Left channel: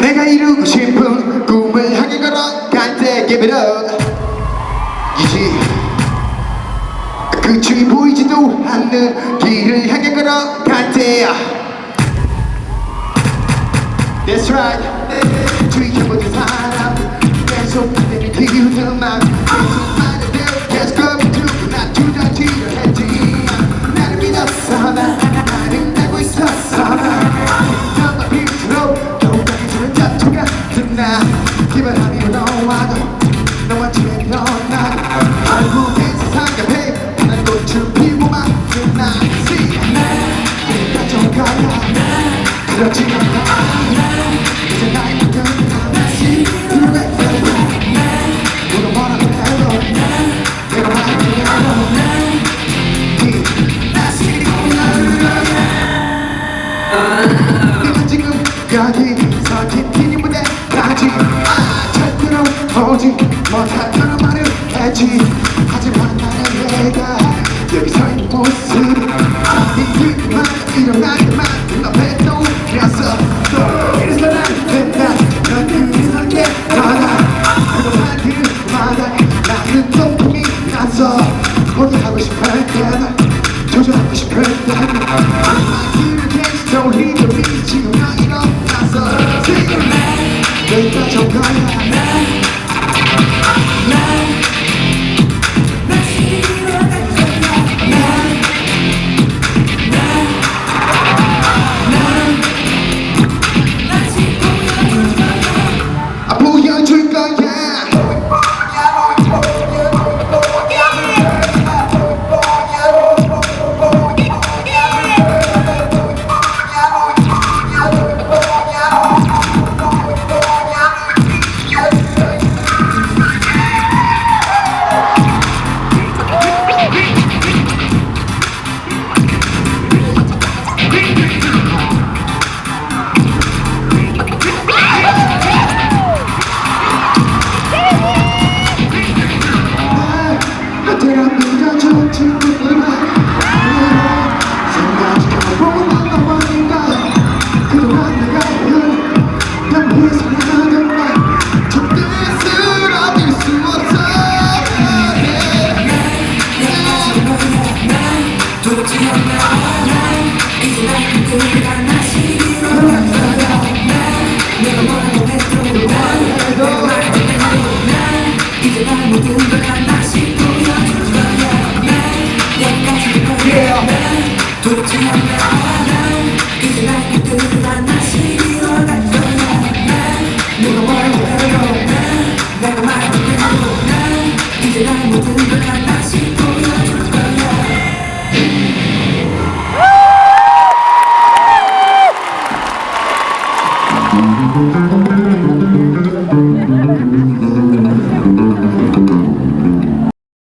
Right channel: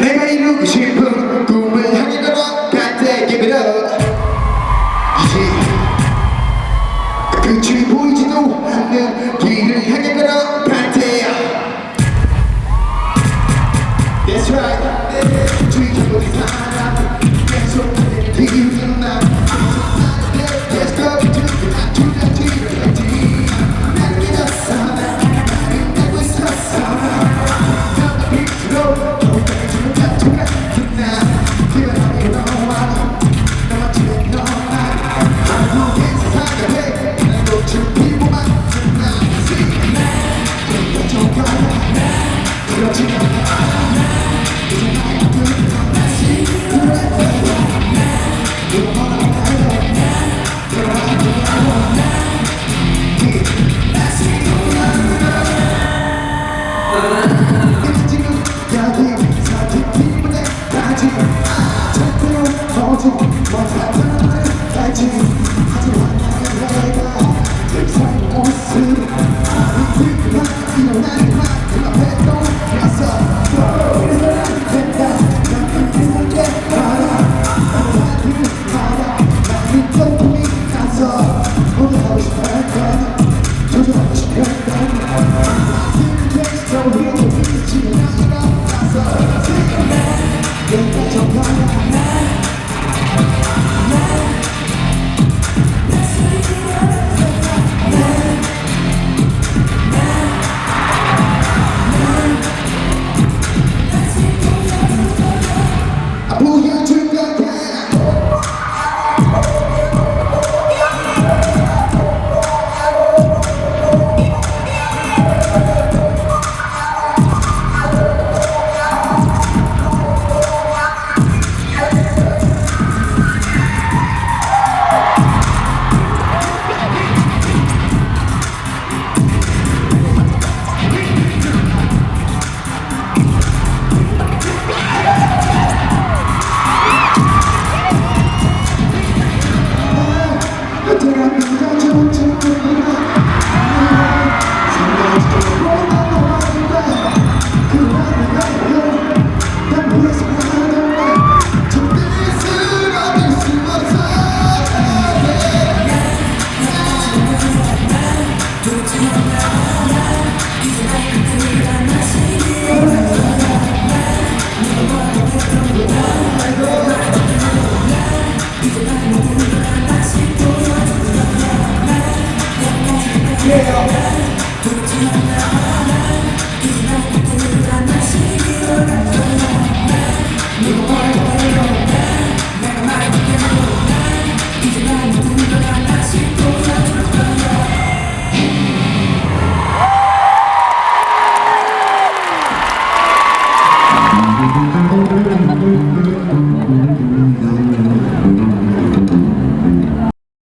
내가 이루고 싶은 꿈을 향해 걸어갈 때 give it up. 이제 끝이 보이지도 않는 길을 향해 걸어갈 때야. That's right. 지켜보던 사람들 계속 내를 기우는 맘 계속 말해대로 계속 거부두고 나 두려지려 했지. 나를 믿었어 난 나를 알고 있었어 너가 빛으로 더욱이 주는 자투 같은 나 기분 아니고 너와 너와 지낸 넌 난 결국엔 세상과 해 난 꽃을 피고 만든 나 내가 좀 가야 그렇지 않아 이제 나의 모든 건 다시 드러낼 거야 누가 뭐라고 해도 내가 말하고 다시 내가 지금 여기서 지키는 무대까지 절대로 오지 못할 그런 말을 했지. 하지만 나는 내가 여기서 이 모습 니들만 일어나게 만든 앞에 또 웃겼어. 이래서 난 된다 넌 이래서 깨어나 하고 말 들마다 나는 동풍이 나서 모두 하고 싶을 때나 조절하고 싶을 때나 이렇게 스토리도 지금 나 일어나서 내가 저 거야